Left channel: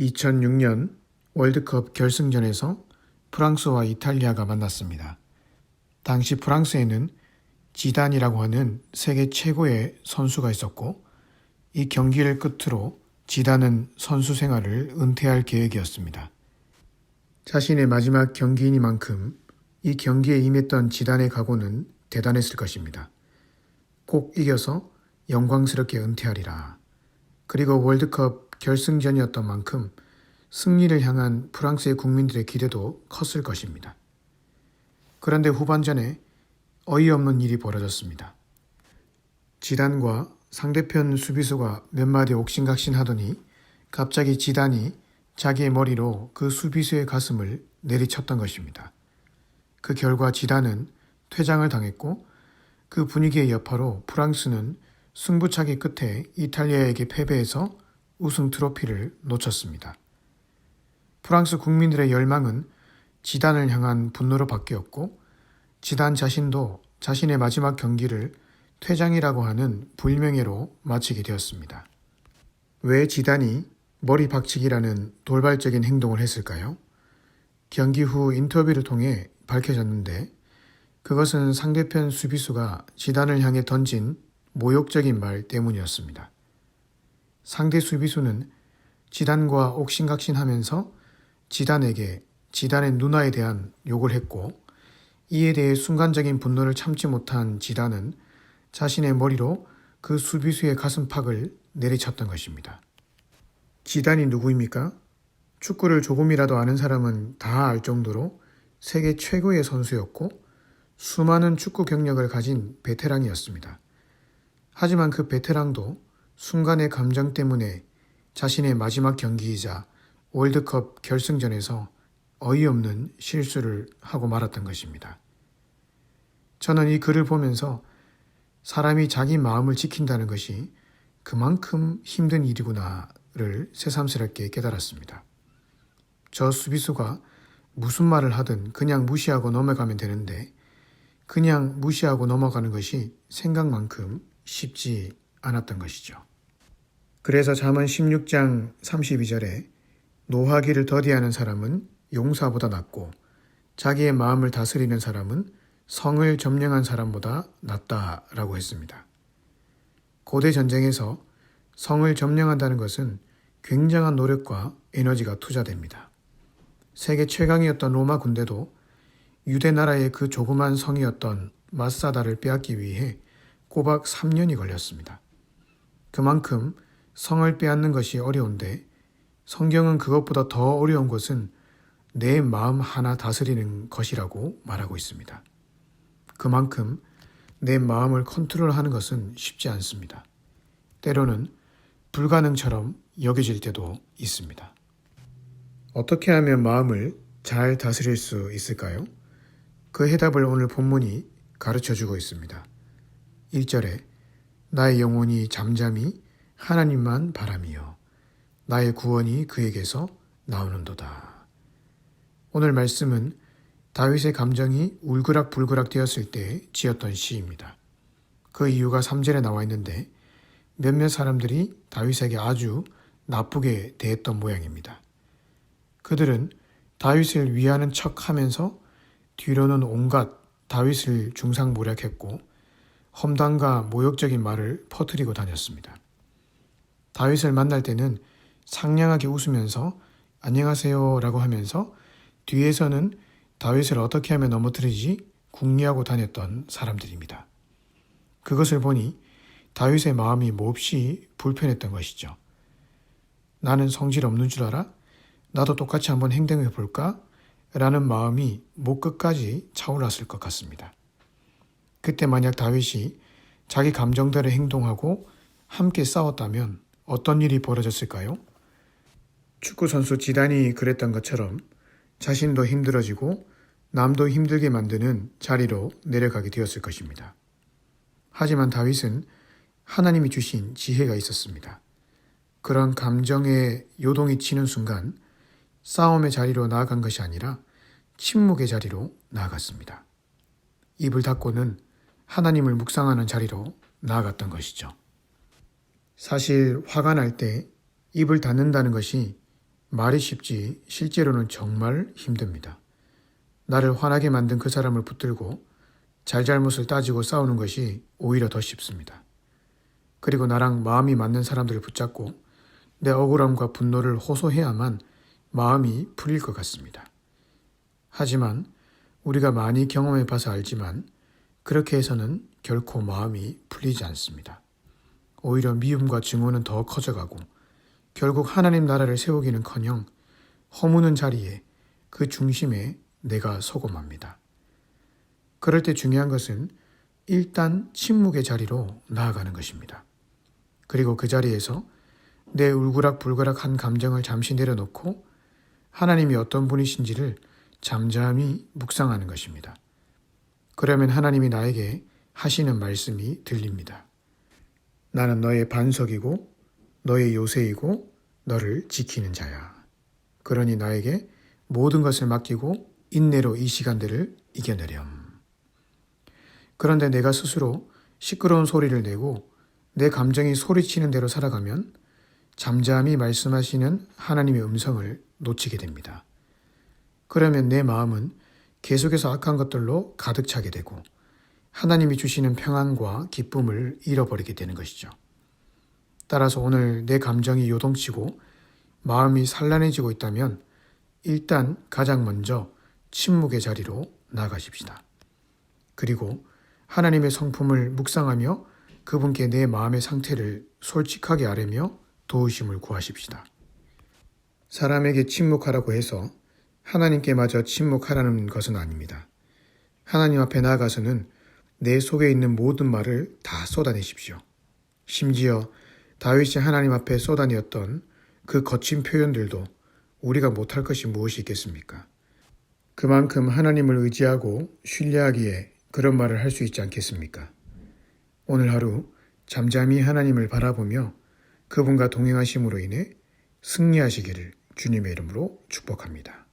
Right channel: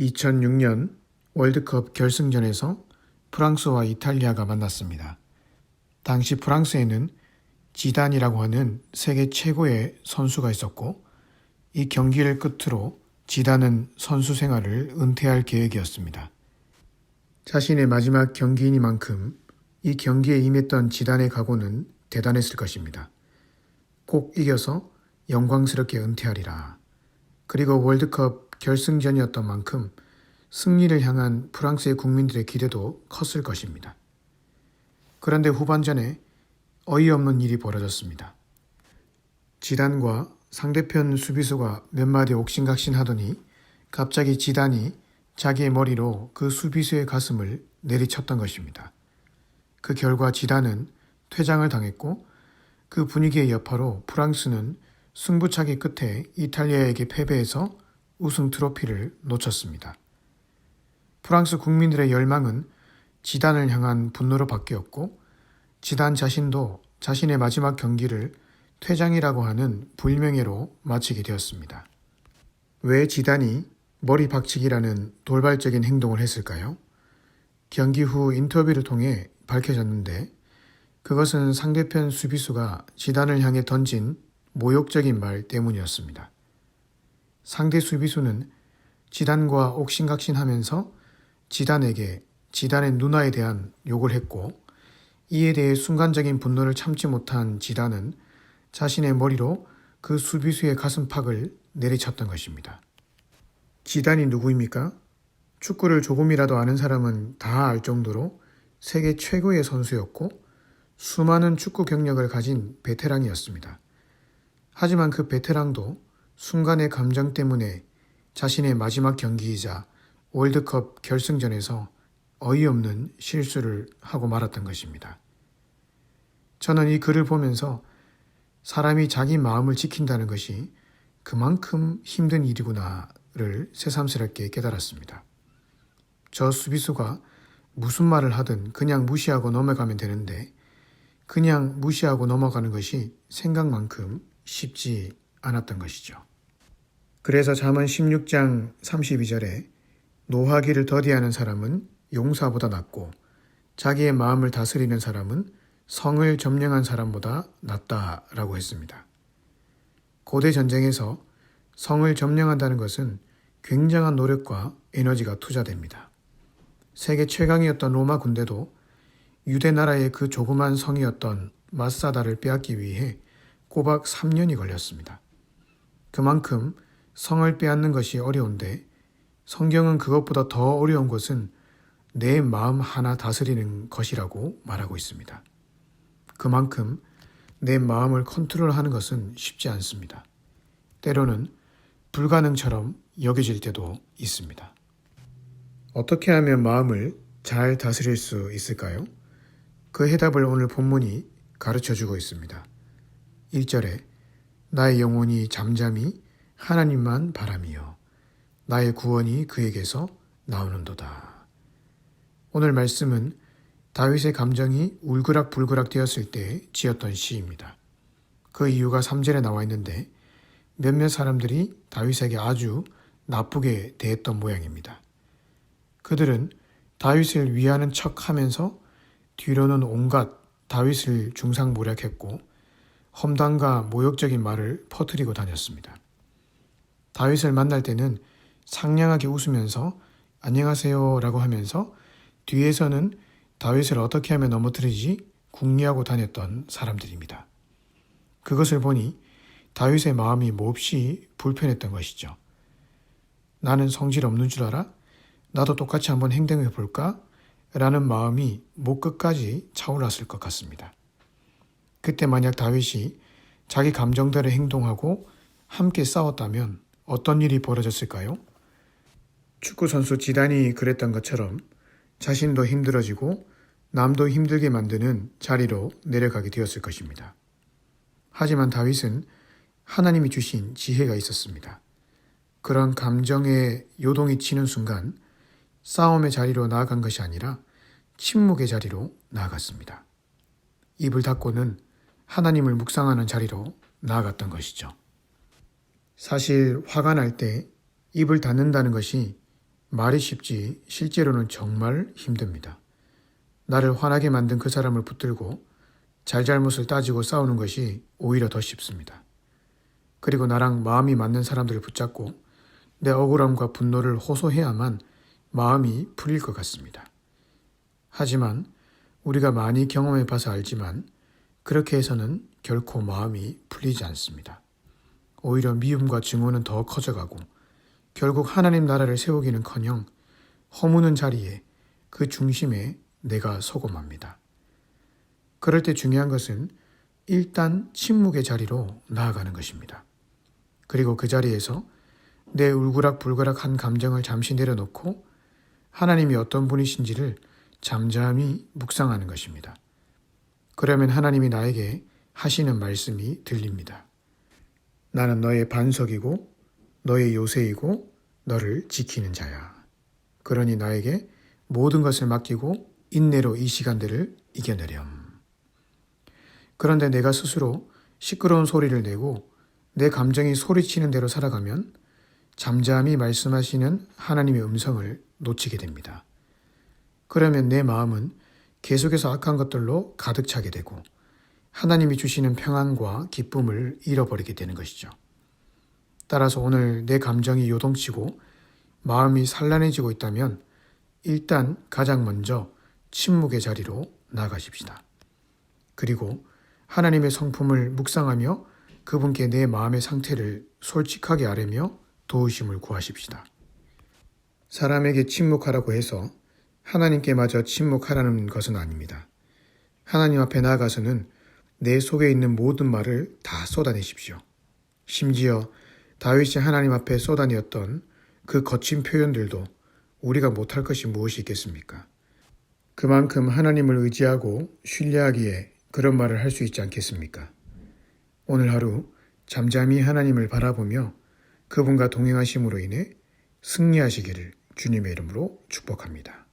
2006년 월드컵 결승전에서 프랑스와 이탈리아가 만났습니다. 당시 프랑스에는 지단이라고 하는 세계 최고의 선수가 있었고 이 경기를 끝으로 지단은 선수 생활을 은퇴할 계획이었습니다. 자신의 마지막 경기이니만큼 이 경기에 임했던 지단의 각오는 대단했을 것입니다. 꼭 이겨서 영광스럽게 은퇴하리라. 그리고 월드컵 결승전이었던 만큼 승리를 향한 프랑스의 국민들의 기대도 컸을 것입니다. 그런데 후반전에 어이없는 일이 벌어졌습니다. 지단과 상대편 수비수가 몇 마디 옥신각신 하더니 갑자기 지단이 자기의 머리로 그 수비수의 가슴을 내리쳤던 것입니다. 그 결과 지단은 퇴장을 당했고 그 분위기의 여파로 프랑스는 승부차기 끝에 이탈리아에게 패배해서 우승 트로피를 놓쳤습니다. 프랑스 국민들의 열망은 지단을 향한 분노로 바뀌었고 지단 자신도 자신의 마지막 경기를 퇴장이라고 하는 불명예로 마치게 되었습니다. 왜 지단이 머리 박치기라는 돌발적인 행동을 했을까요? 경기 후 인터뷰를 통해 밝혀졌는데 그것은 상대편 수비수가 지단을 향해 던진 모욕적인 말 때문이었습니다. 상대 수비수는 지단과 옥신각신하면서 지단에게 지단의 누나에 대한 욕을 했고 이에 대해 순간적인 분노를 참지 못한 지단은 자신의 머리로 그 수비수의 가슴팍을 내리쳤던 것입니다. 지단이 누구입니까? 축구를 조금이라도 아는 사람은 다 알 정도로 세계 최고의 선수였고 수많은 축구 경력을 가진 베테랑이었습니다. 하지만 그 베테랑도 순간의 감정 때문에 자신의 마지막 경기이자 월드컵 결승전에서 어이없는 실수를 하고 말았던 것입니다. 저는 이 글을 보면서 사람이 자기 마음을 지킨다는 것이 그만큼 힘든 일이구나를 새삼스럽게 깨달았습니다. 저 수비수가 무슨 말을 하든 그냥 무시하고 넘어가면 되는데 그냥 무시하고 넘어가는 것이 생각만큼 쉽지 않았던 것이죠. 그래서 잠언 16장 32절에 노하기를 더디하는 사람은 용사보다 낫고 자기의 마음을 다스리는 사람은 성을 점령한 사람보다 낫다라고 했습니다. 고대 전쟁에서 성을 점령한다는 것은 굉장한 노력과 에너지가 투자됩니다. 세계 최강이었던 로마 군대도 유대 나라의 그 조그만 성이었던 마사다를 빼앗기 위해 꼬박 3년이 걸렸습니다. 그만큼 성을 빼앗는 것이 어려운데 성경은 그것보다 더 어려운 것은 내 마음 하나 다스리는 것이라고 말하고 있습니다. 그만큼 내 마음을 컨트롤하는 것은 쉽지 않습니다. 때로는 불가능처럼 여겨질 때도 있습니다. 어떻게 하면 마음을 잘 다스릴 수 있을까요? 그 해답을 오늘 본문이 가르쳐 주고 있습니다. 1절에 나의 영혼이 잠잠히 하나님만 바람이요 나의 구원이 그에게서 나오는도다. 오늘 말씀은 다윗의 감정이 울그락불그락 되었을 때 지었던 시입니다. 그 이유가 3절에 나와 있는데 몇몇 사람들이 다윗에게 아주 나쁘게 대했던 모양입니다. 그들은 다윗을 위하는 척 하면서 뒤로는 온갖 다윗을 중상모략했고 험담과 모욕적인 말을 퍼뜨리고 다녔습니다. 다윗을 만날 때는 상냥하게 웃으면서 안녕하세요 라고 하면서 뒤에서는 다윗을 어떻게 하면 넘어뜨리지 궁리하고 다녔던 사람들입니다. 그것을 보니 다윗의 마음이 몹시 불편했던 것이죠. 나는 성질 없는 줄 알아? 나도 똑같이 한번 행동해 볼까? 라는 마음이 목 끝까지 차올랐을 것 같습니다. 그때 만약 다윗이 자기 감정대로 행동하고 함께 싸웠다면 어떤 일이 벌어졌을까요? 축구 선수 지단이 그랬던 것처럼 자신도 힘들어지고 남도 힘들게 만드는 자리로 내려가게 되었을 것입니다. 하지만 다윗은 하나님이 주신 지혜가 있었습니다. 그런 감정의 요동이 치는 순간 싸움의 자리로 나아간 것이 아니라 침묵의 자리로 나아갔습니다. 입을 닫고는 하나님을 묵상하는 자리로 나아갔던 것이죠. 사실 화가 날 때 입을 닫는다는 것이 말이 쉽지 실제로는 정말 힘듭니다. 나를 화나게 만든 그 사람을 붙들고 잘잘못을 따지고 싸우는 것이 오히려 더 쉽습니다. 그리고 나랑 마음이 맞는 사람들을 붙잡고 내 억울함과 분노를 호소해야만 마음이 풀릴 것 같습니다. 하지만 우리가 많이 경험해 봐서 알지만 그렇게 해서는 결코 마음이 풀리지 않습니다. 오히려 미움과 증오는 더 커져가고 결국 하나님 나라를 세우기는 커녕 허무는 자리에 그 중심에 내가 서고 맙니다. 그럴 때 중요한 것은 일단 침묵의 자리로 나아가는 것입니다. 그리고 그 자리에서 내 울그락불그락한 감정을 잠시 내려놓고 하나님이 어떤 분이신지를 잠잠히 묵상하는 것입니다. 그러면 하나님이 나에게 하시는 말씀이 들립니다. 나는 너의 반석이고 너의 요새이고 너를 지키는 자야. 그러니 나에게 모든 것을 맡기고 인내로 이 시간들을 이겨내렴. 그런데 내가 스스로 시끄러운 소리를 내고 내 감정이 소리치는 대로 살아가면 잠잠히 말씀하시는 하나님의 음성을 놓치게 됩니다. 그러면 내 마음은 계속해서 악한 것들로 가득 차게 되고 하나님이 주시는 평안과 기쁨을 잃어버리게 되는 것이죠. 따라서 오늘 내 감정이 요동치고 마음이 산란해지고 있다면 일단 가장 먼저 침묵의 자리로 나가십시다. 그리고 하나님의 성품을 묵상하며 그분께 내 마음의 상태를 솔직하게 아뢰며 도우심을 구하십시다. 사람에게 침묵하라고 해서 하나님께 마저 침묵하라는 것은 아닙니다. 하나님 앞에 나아가서는 내 속에 있는 모든 말을 다 쏟아내십시오. 심지어 다윗이 하나님 앞에 쏟아내었던 그 거친 표현들도 우리가 못할 것이 무엇이 있겠습니까? 그만큼 하나님을 의지하고 신뢰하기에 그런 말을 할 수 있지 않겠습니까? 오늘 하루 잠잠히 하나님을 바라보며 그분과 동행하심으로 인해 승리하시기를 주님의 이름으로 축복합니다.